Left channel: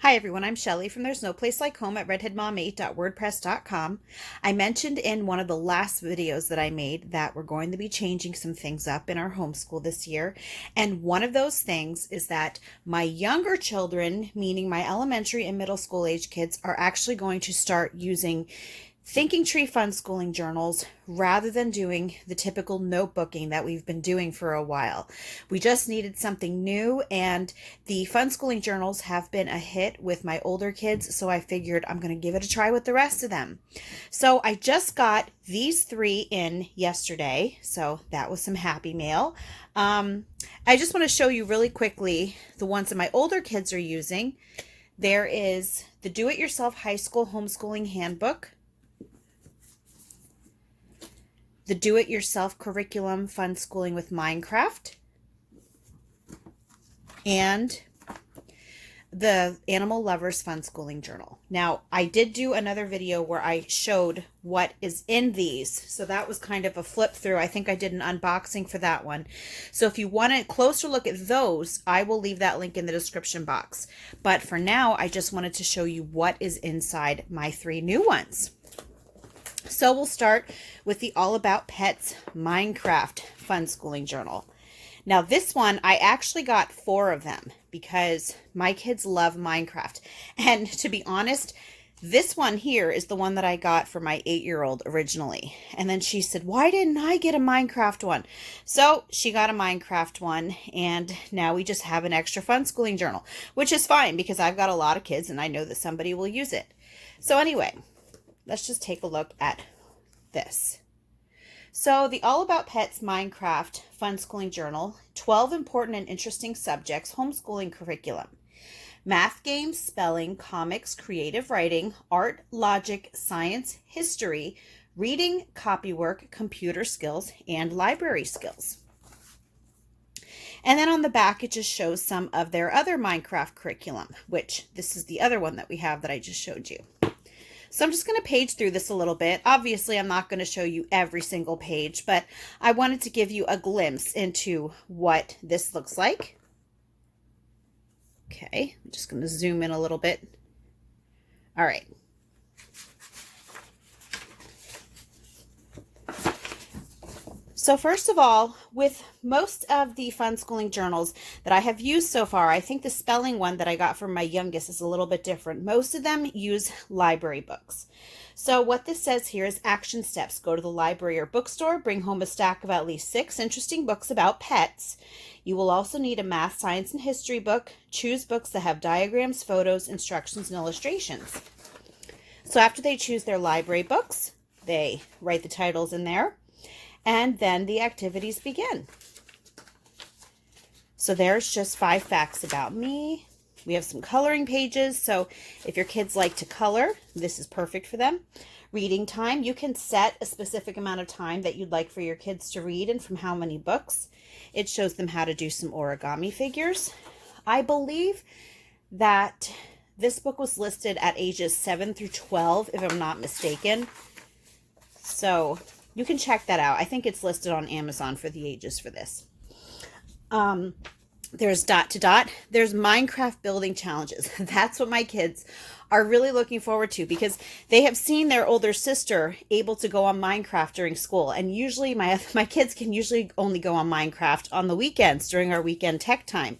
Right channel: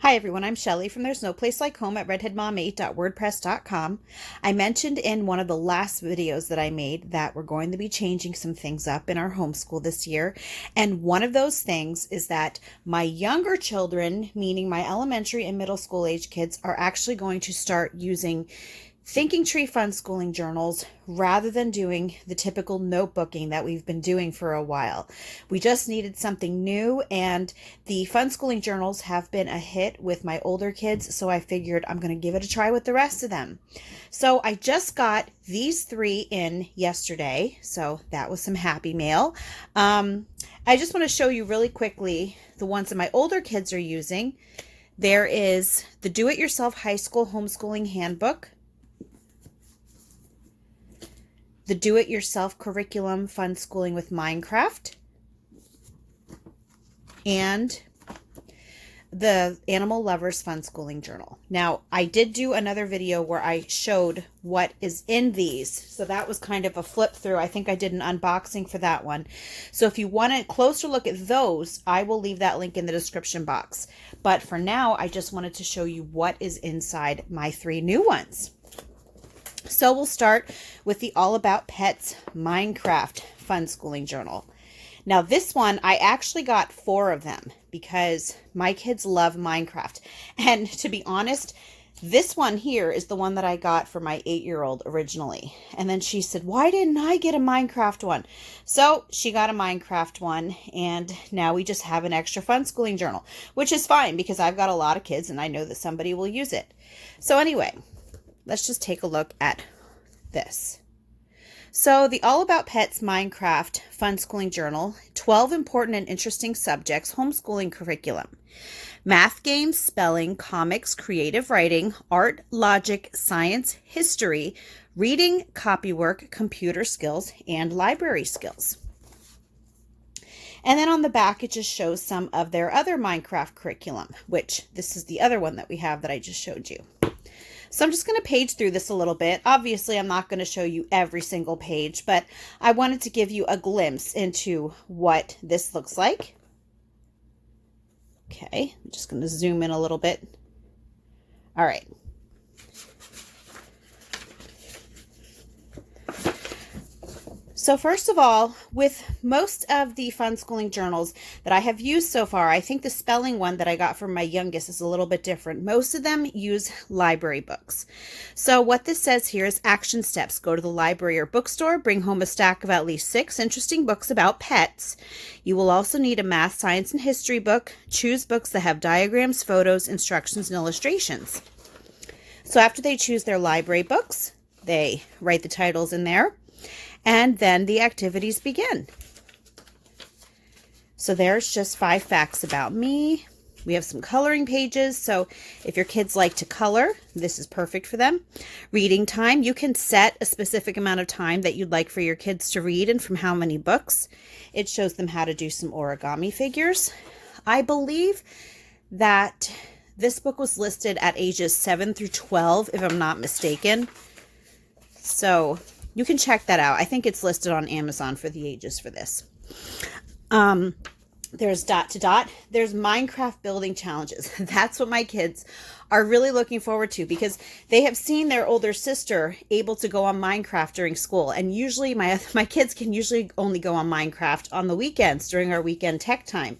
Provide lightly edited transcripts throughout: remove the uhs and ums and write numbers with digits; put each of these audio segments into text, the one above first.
Hi everyone, I'm Shelly from There's No Place Like Home at redheadmom8.wordpress.com. I mentioned in one of the last videos that I made that we're going to be changing some things up in our homeschool this year. And one of those things is that my younger children, meaning my elementary and middle school age kids, are actually going to start using Thinking Tree Funschooling journals rather than doing the typical notebooking that we've been doing for a while. We just needed something new, and the Funschooling journals have been a hit with my older kids, so I figured I'm going to give it a try with the rest of them. So I just got these 3 in yesterday, so that was some happy mail. I just want to show you really quickly the ones that my older kids are using. There is the Do-It-Yourself High School Homeschooling Handbook, the Do-It-Yourself Curriculum Funschooling with Minecraft, and the Animal Lovers Funschooling Journal. Now, I did do another video where I showed what is in these, so that was kind of a flip through. I think I did an unboxing for that one. So if you want a closer look at those, I will leave that link in the description box. But for now, I just wanted to show you what is inside my 3 new ones. So we'll start with the All About Pets Minecraft Funschooling Journal. Now this one, I actually got 4 of them because my kids love Minecraft. And to be honest, this one here is the one that I got for my 8-year-old originally. And then she said, why didn't I get a Minecraft one? So she got a Minecraft one, and now we just have an extra Funschooling journal, which is fine because I've got a lot of kids and I know that somebody will use it. So anyway, let's just take a look at this. So the All About Pets Minecraft Funschooling Journal, 12 important and interesting subjects, homeschooling curriculum. Math, games, spelling, comics, creative writing, art, logic, science, history, reading, copywork, computer skills, and library skills. And then on the back, it just shows some of their other Minecraft curriculum, which this is the other one that we have that I just showed you. So I'm just going to page through this a little bit. Obviously, I'm not going to show you every single page, but I wanted to give you a glimpse into what this looks like. Okay, I'm just going to zoom in a little bit. All right. So first of all, with most of the Funschooling journals that I have used so far, I think the spelling one that I got from my youngest is a little bit different. Most of them use library books. So what this says here is action steps. Go to the library or bookstore, bring home a stack of at least 6 interesting books about pets. You will also need a math, science, and history book. Choose books that have diagrams, photos, instructions, and illustrations. So after they choose their library books, they write the titles in there. And then the activities begin. So there's just 5 facts about me. We have some coloring pages. So if your kids like to color, this is perfect for them. Reading time. You can set a specific amount of time that you'd like for your kids to read and from how many books. It shows them how to do some origami figures. I believe that this book was listed at ages 7 through 12, if I'm not mistaken. So you can check that out. I think it's listed on Amazon for the ages for this. There's dot to dot. There's Minecraft building challenges. That's what my kids are really looking forward to because they have seen their older sister able to go on Minecraft during school. And usually my kids can usually only go on Minecraft on the weekends during our weekend tech time.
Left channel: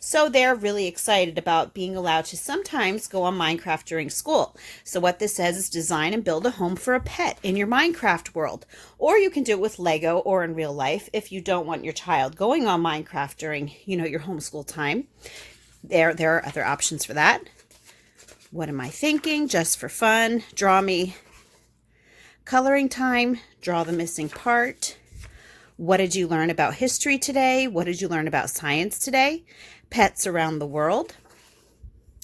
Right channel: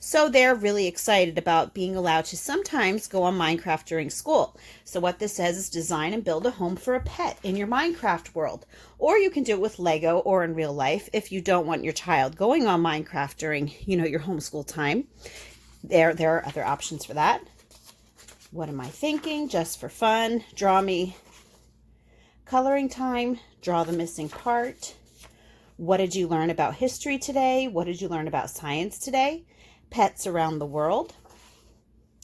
So they're really excited about being allowed to sometimes go on Minecraft during school. So what this says is design and build a home for a pet in your Minecraft world. Or you can do it with Lego or in real life if you don't want your child going on Minecraft during, your homeschool time. There are other options for that. What am I thinking? Just for fun. Draw me. Coloring time. Draw the missing part. What did you learn about history today? What did you learn about science today? Pets around the world.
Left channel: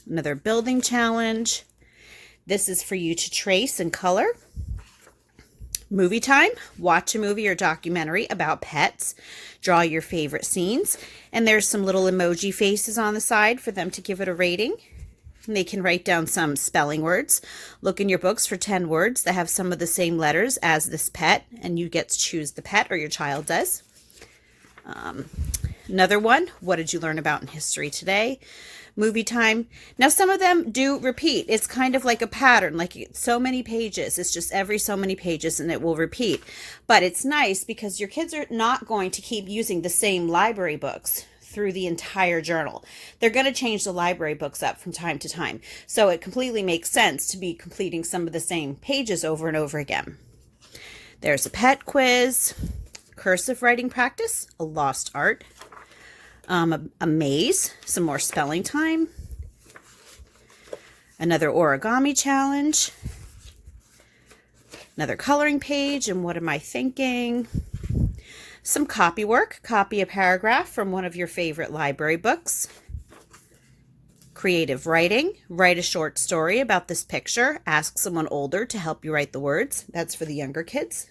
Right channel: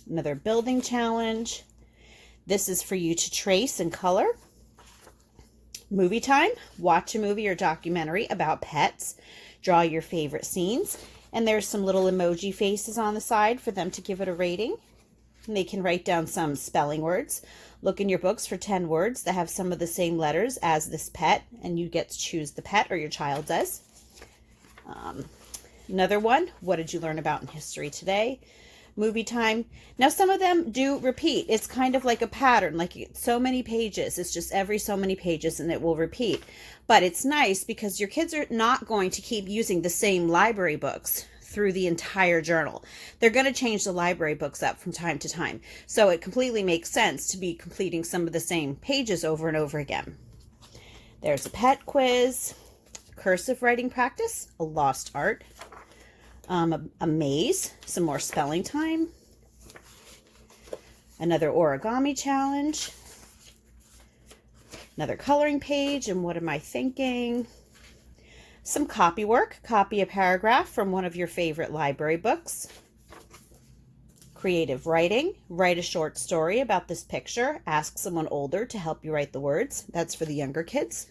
Another building challenge. This is for you to trace and color. Movie time. Watch a movie or documentary about pets. Draw your favorite scenes. And there's some little emoji faces on the side for them to give it a rating. And they can write down some spelling words. Look in your books for 10 words that have some of the same letters as this pet, and you get to choose the pet, or your child does. Another one, what did you learn about in history today? movie time. Now, some of them do repeat. It's kind of like a pattern, like so many pages. It's just every so many pages and it will repeat. But it's nice because your kids are not going to keep using the same library books through the entire journal. They're going to change the library books up from time to time. So it completely makes sense to be completing some of the same pages over and over again. There's a pet quiz, cursive writing practice, a lost art, a maze, some more spelling time, another origami challenge, another coloring page, and what am I thinking? Some copy work, copy a paragraph from one of your favorite library books. Creative writing, write a short story about this picture. Ask someone older to help you write the words. That's for the younger kids.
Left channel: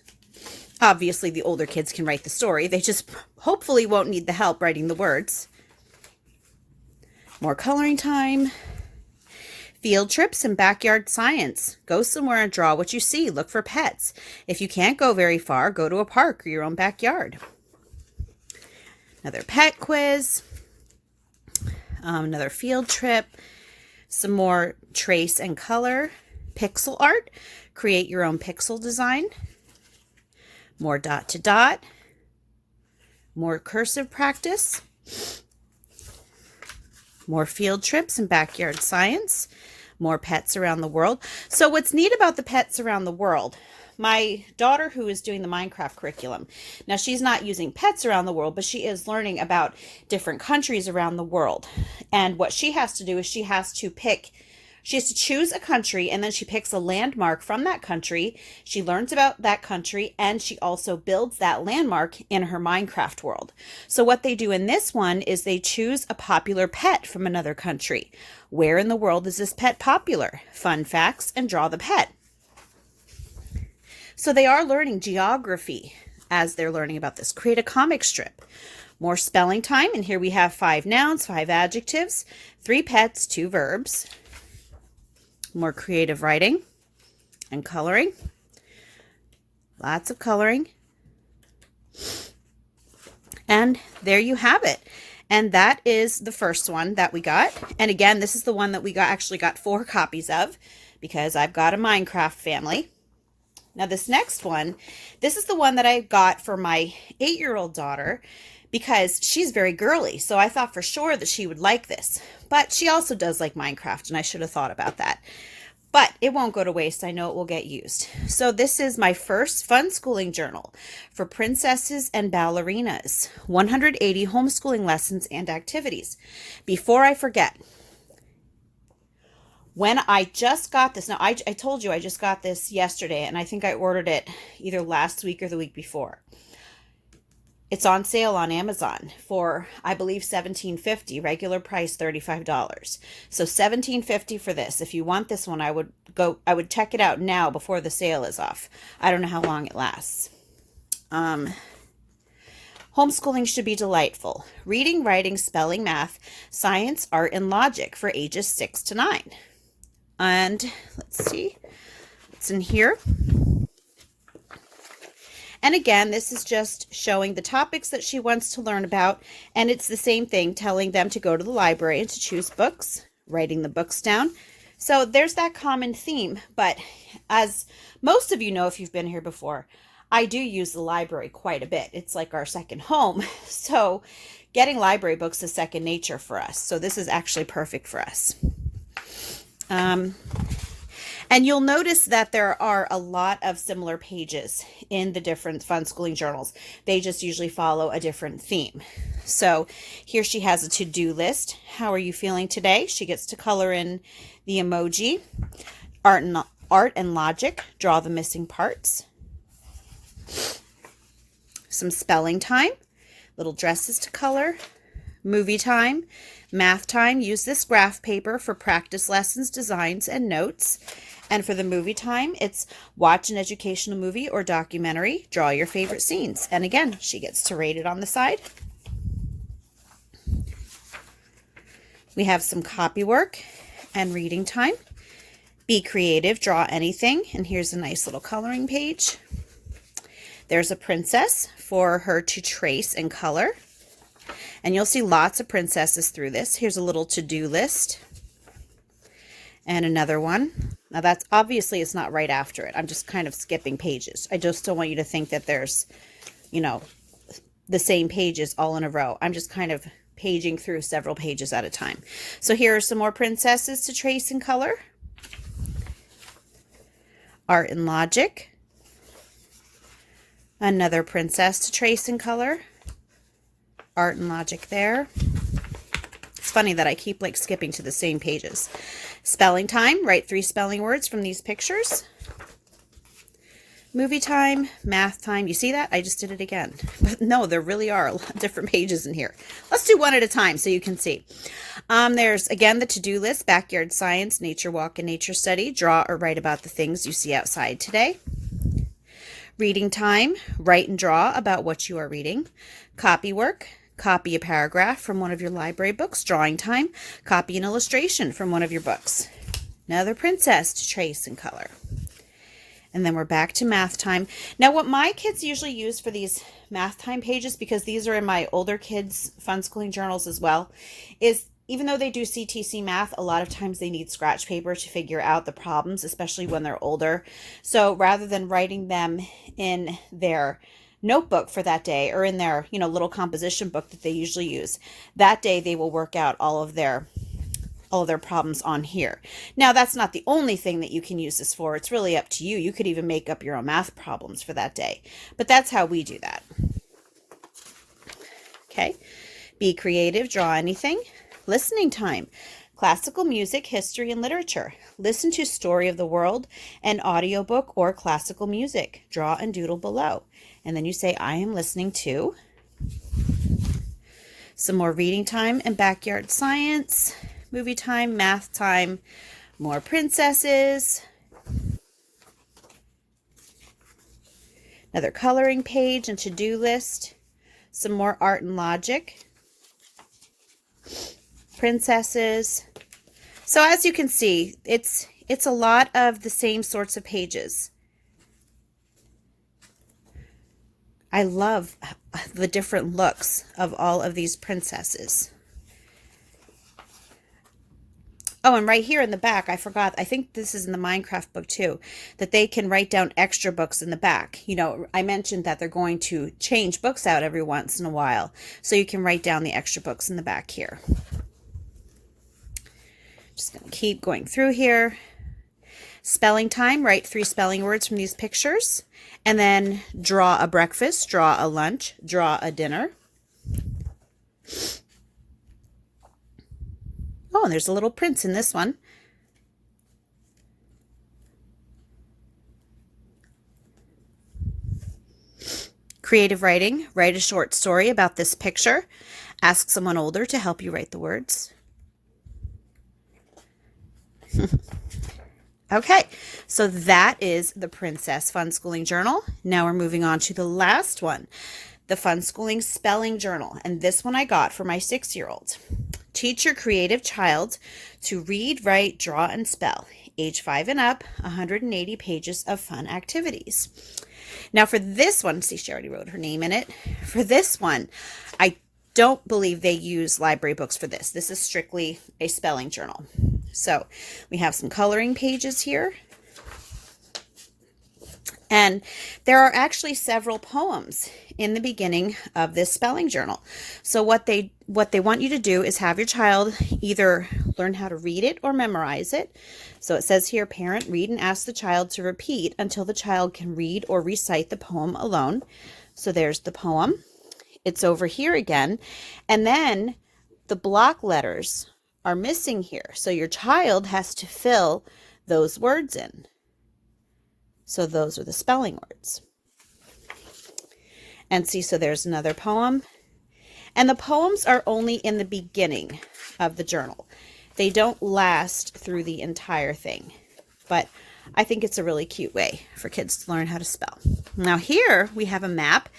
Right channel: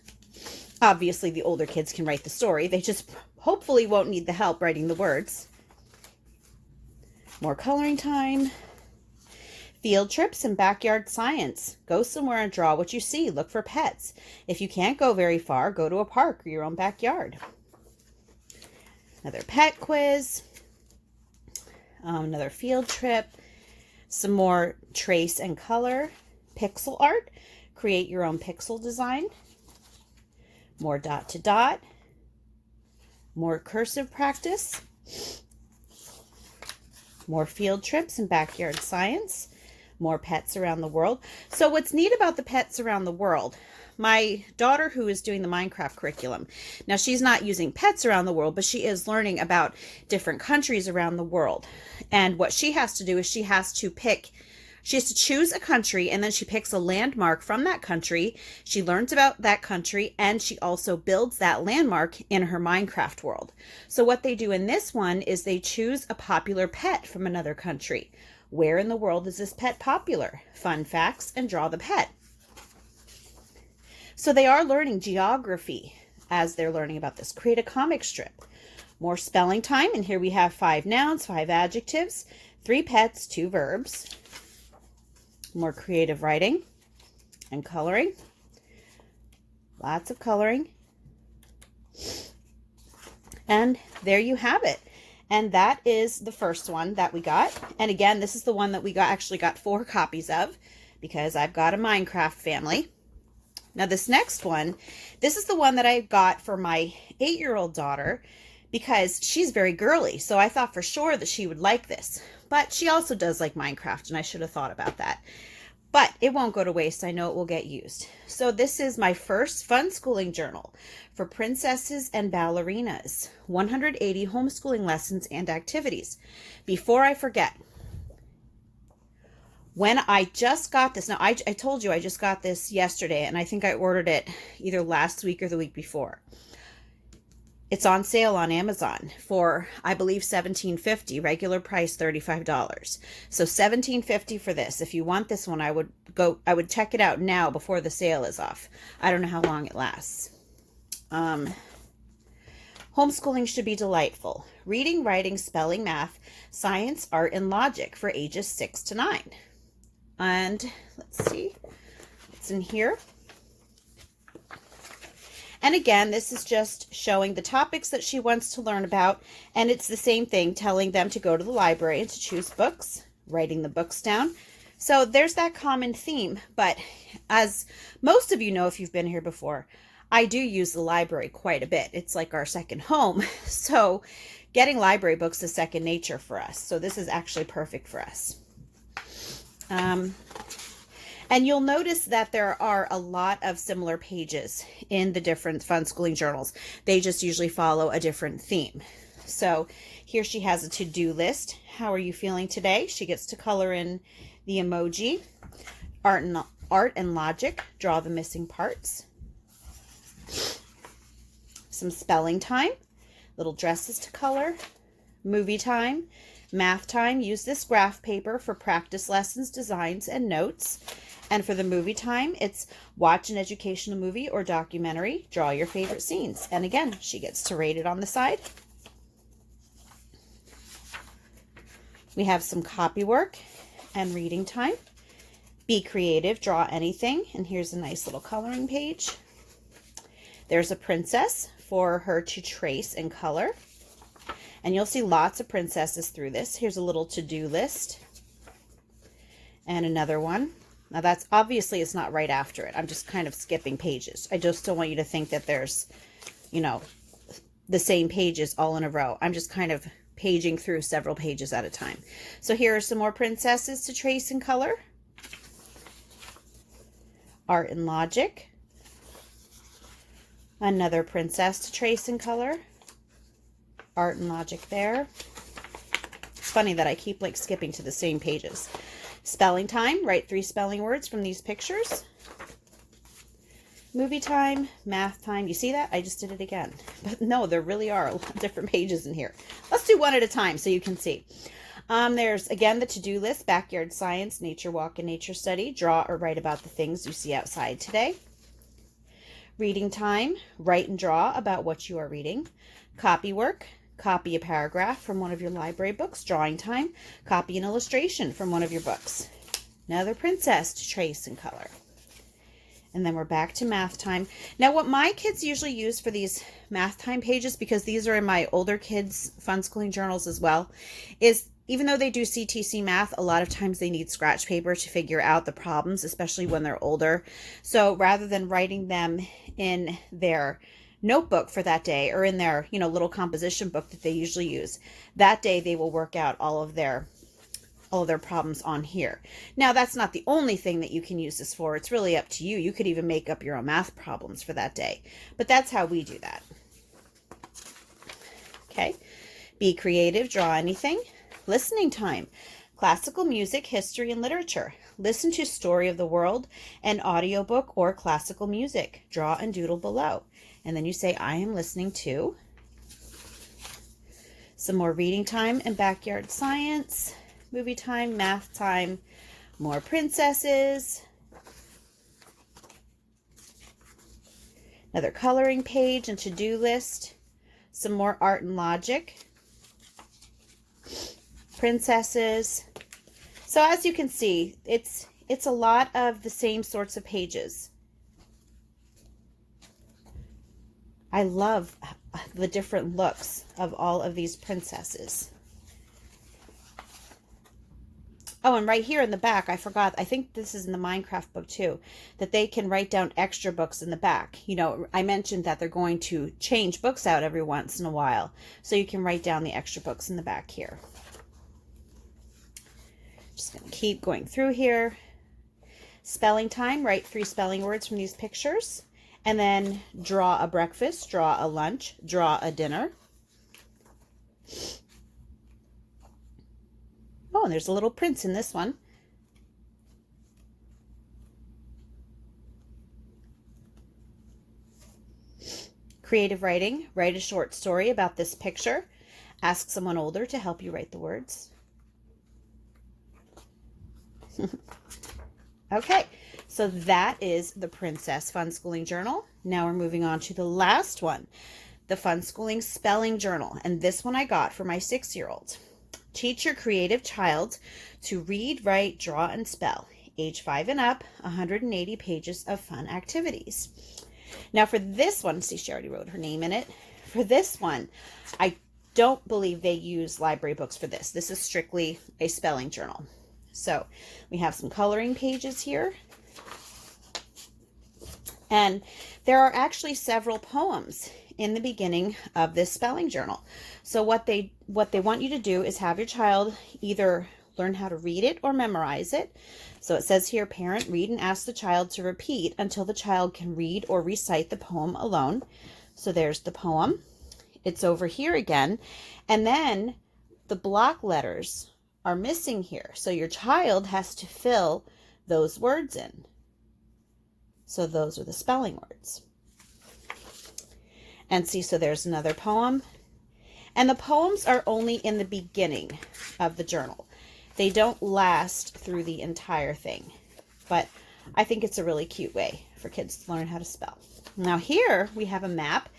Obviously, the older kids can write the story. They just hopefully won't need the help writing the words. More coloring time. Field trips and backyard science. Go somewhere and draw what you see. Look for pets. If you can't go very far, go to a park or your own backyard. Another pet quiz. Another field trip. Some more trace and color. Pixel art. Create your own pixel design. More dot to dot. More cursive practice. More field trips and backyard science. More pets around the world. So what's neat about the pets around the world, my daughter who is doing the Minecraft curriculum, now she's not using pets around the world, but she is learning about different countries around the world. And what she has to do is she has to choose a country, and then she picks a landmark from that country. She learns about that country, and she also builds that landmark in her Minecraft world. So what they do in this one is they choose a popular pet from another country. Where in the world is this pet popular? Fun facts, and draw the pet. So they are learning geography as they're learning about this. Create a comic strip. More spelling time, and here we have 5 nouns, 5 adjectives, 3 pets, 2 verbs. More creative writing and coloring. Lots of coloring. And there you have it. And that is the first one that we got. And again, this is the one that we actually got 4 copies of because I've got a Minecraft family. Now this next one, this is the one that I got for my 8-year-old daughter because she's very girly. So I thought for sure that she would like this. But she also does like Minecraft, and I should have thought about that. But it won't go to waste. I know it will get used. So this is my first Funschooling journal for princesses and ballerinas. 180 homeschooling lessons and activities. Before I forget, when I just got this, now I told you I just got this yesterday, and I think I ordered it either last week or the week before. It's on sale on Amazon for, I believe, $17.50, regular price $35. So $17.50 for this. If you want this one, I would check it out now before the sale is off. I don't know how long it lasts. Homeschooling should be delightful. Reading, writing, spelling, math, science, art, and logic for ages 6 to 9. And let's see, it's in here. And again, this is just showing the topics that she wants to learn about. And it's the same thing, telling them to go to the library and to choose books, writing the books down. So there's that common theme. But as most of you know, if you've been here before, I do use the library quite a bit. It's like our second home. So getting library books is second nature for us. So this is actually perfect for us. And you'll notice that there are a lot of similar pages in the different Funschooling journals. They just usually follow a different theme. So here she has a to-do list. How are you feeling today? She gets to color in the emoji. Art and logic. Draw the missing parts. Some spelling time. Little dresses to color. Movie time. Math time. Use this graph paper for practice lessons, designs, and notes. And for the movie time, it's watch an educational movie or documentary, draw your favorite scenes. And again, she gets to rate it on the side. We have some copy work and reading time. Be creative, draw anything. And here's a nice little coloring page. There's a princess for her to trace and color. And you'll see lots of princesses through this. Here's a little to-do list. And another one. Now that's obviously it's not right after it. I'm just kind of skipping pages. I just don't want you to think that there's, you know, the same pages all in a row. I'm just kind of paging through several pages at a time. So here are some more princesses to trace in color. Art and Logic. Another princess to trace in color. Art and Logic there. It's funny that I keep like skipping to the same pages. Spelling Time. Write 3 spelling words from these pictures. Movie Time, Math Time. You see that? I just did it again. But no, there really are a lot of different pages in here. Let's do one at a time so you can see. There's, again, the to-do list, Backyard Science, Nature Walk, and Nature Study. Draw or write about the things you see outside today. Reading Time. Write and draw about what you are reading. Copy work. Copy a paragraph from one of your library books. Drawing Time. Copy an illustration from one of your books. Another princess to trace in color. And then we're back to Math Time. Now, what my kids usually use for these Math Time pages, because these are in my older kids' Funschooling journals as well, is even though they do CTC math, a lot of times they need scratch paper to figure out the problems, especially when they're older. So rather than writing them in their notebook for that day or in their, you know, little composition book that they usually use, that day they will work out all of their problems on here. Now, that's not the only thing that you can use this for. It's really up to you. You could even make up your own math problems for that day. But that's how we do that. Okay. Be creative. Draw anything. Listening Time. Classical music, history, and literature. Listen to Story of the World, an audiobook, or classical music. Draw and doodle below. And then you say, I am listening to. Some more Reading Time and Backyard Science. Movie Time, Math Time, more princesses. Another coloring page and to-do list. Some more Art and Logic. Princesses. So as you can see, it's a lot of the same sorts of pages. I love the different looks of all of these princesses. Oh, and right here in the back, I forgot, I think this is in the Minecraft book too, that they can write down extra books in the back. You know, I mentioned that they're going to change books out every once in a while, so you can write down the extra books in the back here. Just going to keep going through here. Spelling Time, write 3 spelling words from these pictures, and then draw a breakfast, draw a lunch, draw a dinner. Oh, and there's a little prince in this one. Creative writing. Write a short story about this picture. Ask someone older to help you write the words. Okay, so that is the Princess Funschooling Journal. Now we're moving on to the last one, the Funschooling Spelling Journal. And this one I got for my 6-year-old. Teach your creative child to read, write, draw, and spell. Age 5 and up, 180 pages of fun activities. Now for this one, see, she already wrote her name in it. For this one, I don't believe they use library books for this. This is strictly a spelling journal. So we have some coloring pages here. And there are actually several poems in the beginning of this spelling journal. So what they want you to do is have your child either learn how to read it or memorize it. So it says here, parent, read and ask the child to repeat until the child can read or recite the poem alone. So there's the poem. It's over here again. And then the block letters are missing here. So your child has to fill those words in. So those are the spelling words. And see, so there's another poem. And the poems are only in the beginning of the journal. They don't last through the entire thing. But I think it's a really cute way for kids to learn how to spell. Now here we have a map.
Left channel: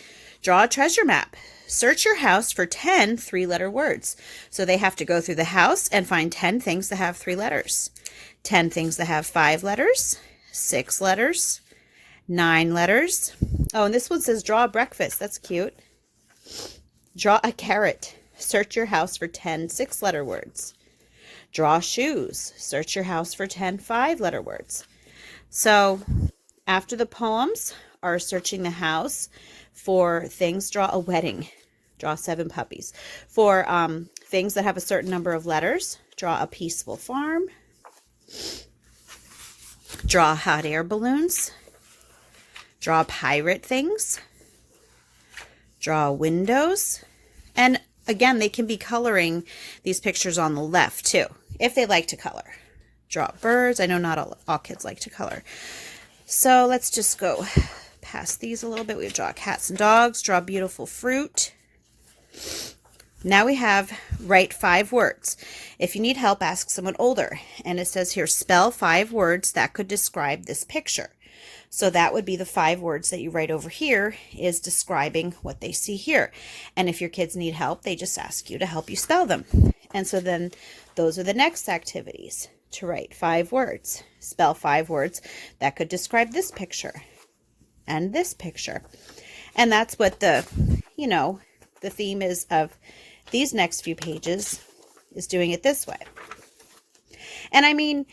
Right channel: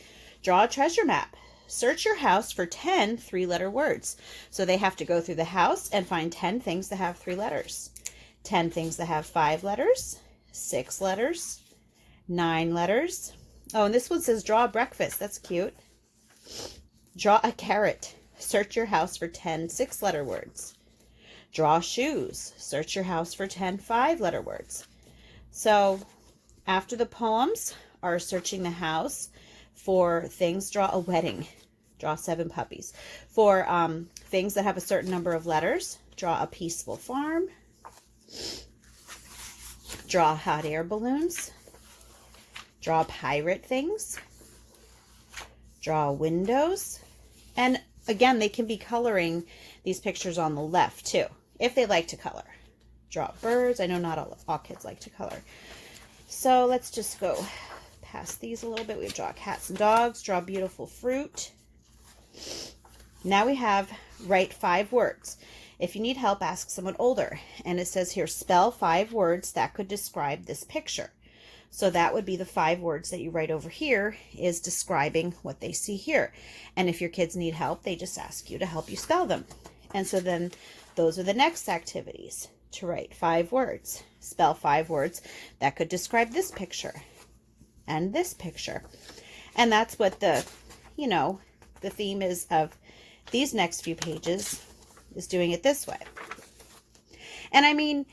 Draw a treasure map. Search your house for 10 3-letter words. So they have to go through the house and find 10 things that have 3 letters. 10 things that have 5 letters. 6 letters, 9 letters. Oh, and this one says draw a breakfast. That's cute. Draw a carrot. Search your house for 10 6-letter words. Draw shoes. Search your house for 10 5-letter words. So after the poems are searching the house for things, draw a wedding. Draw 7 puppies. For things that have a certain number of letters, draw a peaceful farm. Draw hot air balloons. Draw pirate things. Draw windows. And again, they can be coloring these pictures on the left too, if they like to color. Draw birds. I know not all kids like to color. So let's just go past these a little bit. We draw cats and dogs. Draw beautiful fruit. Now we have write 5 words. If you need help, ask someone older. And it says here, spell 5 words that could describe this picture. So that would be the 5 words that you write over here is describing what they see here. And if your kids need help, they just ask you to help you spell them. And so then those are the next activities, to write 5 words. Spell 5 words that could describe this picture and this picture. And that's what the, the theme is of these next few pages, is doing it this way. And I mean,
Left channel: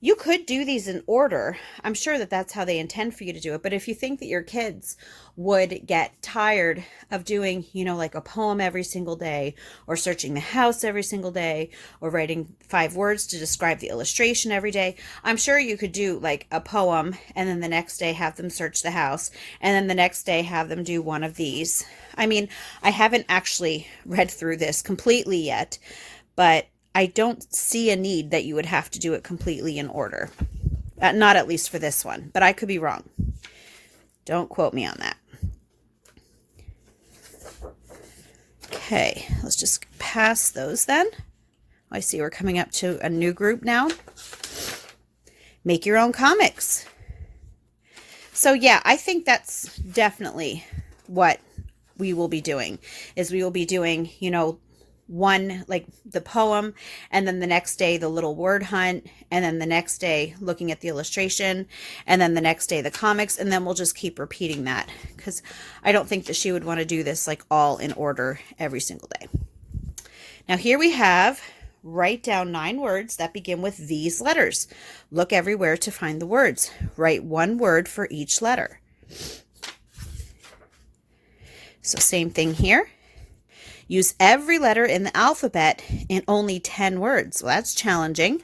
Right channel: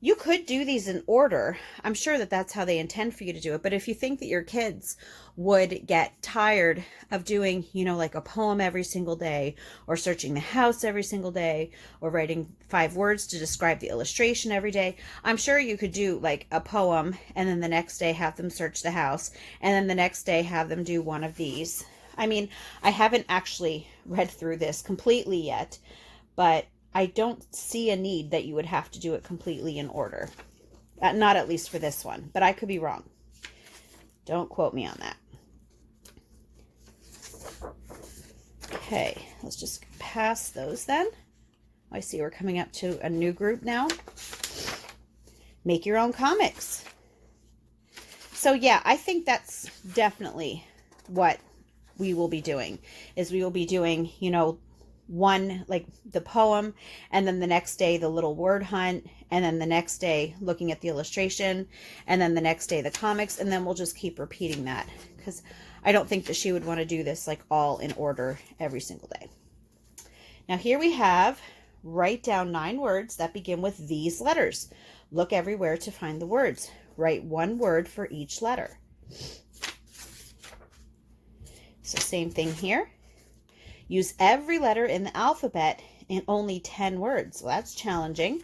you could do these in order. I'm sure that that's how they intend for you to do it. But if you think that your kids would get tired of doing, like a poem every single day, or searching the house every single day, or writing 5 words to describe the illustration every day, I'm sure you could do like a poem and then the next day have them search the house, and then the next day have them do one of these. I mean, I haven't actually read through this completely yet, but I don't see a need that you would have to do it completely in order. Not at least for this one, but I could be wrong. Don't quote me on that. Okay, let's just pass those then. I see we're coming up to a new group now. Make your own comics. So yeah, I think that's definitely what we will be doing, is we will be doing, one, like the poem, and then the next day the little word hunt, and then the next day looking at the illustration, and then the next day the comics, and then we'll just keep repeating that, because I don't think that she would want to do this like all in order every single day. Now here we have write down 9 words that begin with these letters. Look everywhere to find the words. Write 1 word for each letter. So same thing here. Use every letter in the alphabet in only 10 words. Well, that's challenging.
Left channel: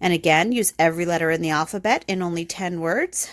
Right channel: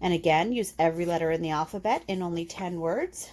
And again, use every letter in the alphabet in only 10 words.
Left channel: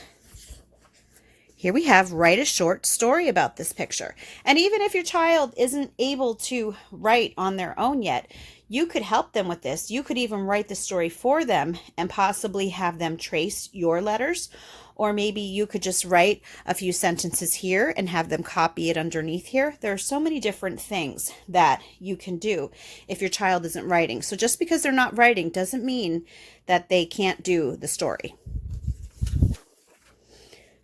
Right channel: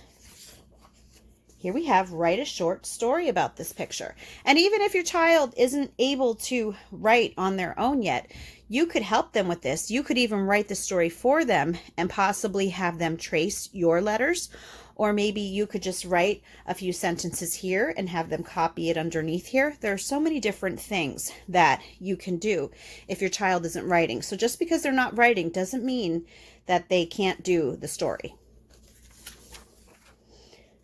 Here we have write a short story about this picture. And even if your child isn't able to write on their own yet, you could help them with this. You could even write the story for them and possibly have them trace your letters. Or maybe you could just write a few sentences here and have them copy it underneath here. There are so many different things that you can do if your child isn't writing. So just because they're not writing doesn't mean that they can't do the story.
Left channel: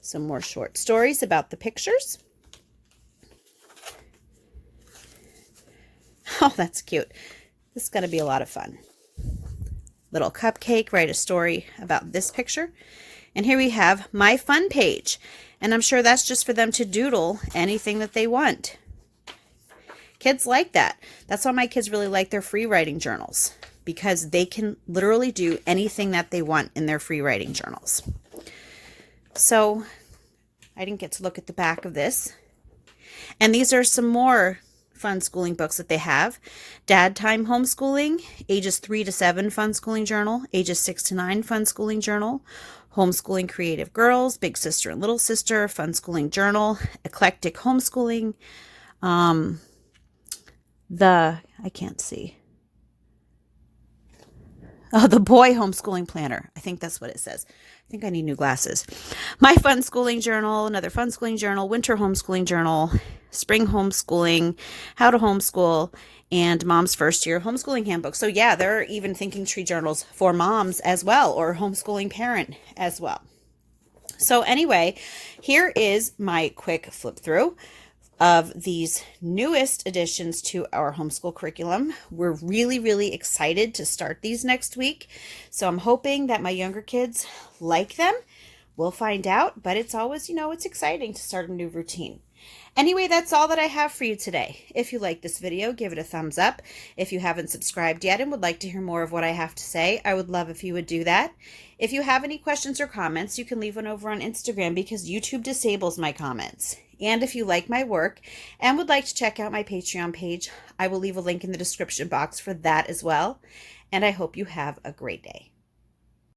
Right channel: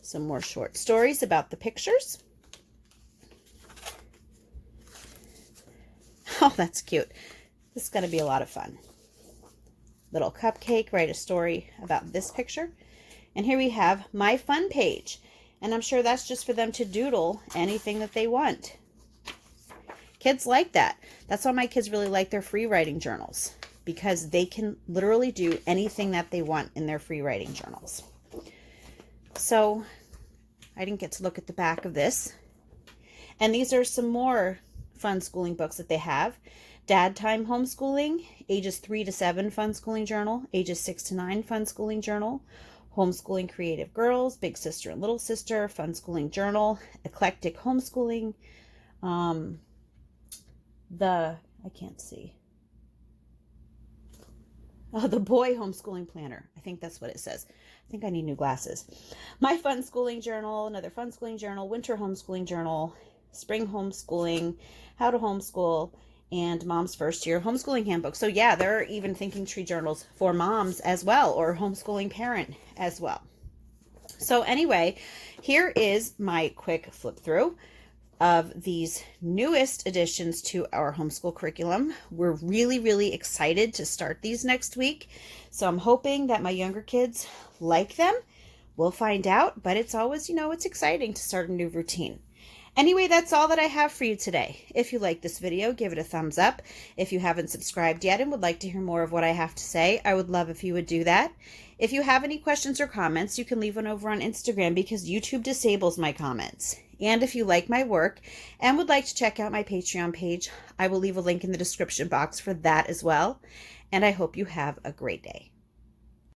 Some more short stories about the pictures. Oh, that's cute. This is going to be a lot of fun. Little cupcake, write a story about this picture. And here we have my fun page. And I'm sure that's just for them to doodle anything that they want. Kids like that. That's why my kids really like their free writing journals, because they can literally do anything that they want in their free writing journals. So I didn't get to look at the back of this. And these are some more Funschooling books that they have. Dad Time Homeschooling, ages 3 to 7 Funschooling journal, ages 6 to 9 Funschooling journal, Homeschooling Creative Girls, Big Sister and Little Sister, Funschooling Journal, Eclectic Homeschooling, I can't see. Oh, the Boy Homeschooling Planner. I think that's what it says. I think I need new glasses. My Funschooling Journal, another Funschooling Journal, Winter Homeschooling Journal, Spring Homeschooling, How to Homeschool, and Mom's First Year Homeschooling Handbook. So yeah, there are even Thinking Tree journals for moms as well, or homeschooling parent as well. So anyway, here is my quick flip through of these newest additions to our homeschool curriculum. We're really, really excited to start these next week. So I'm hoping that my younger kids like them. We'll find out, but it's always, it's exciting to start a new routine. Anyway, that's all that I have for you today. If you like this video, give it a thumbs up. If you haven't subscribed yet and would like to hear more of what I have to say, I would love if you would do that. If you have any questions or comments, you can leave one over on Instagram because YouTube disables my comments. And if you like my work and would like to check out my Patreon page, I will leave a link in the description box for that as well. And I hope you have a great day.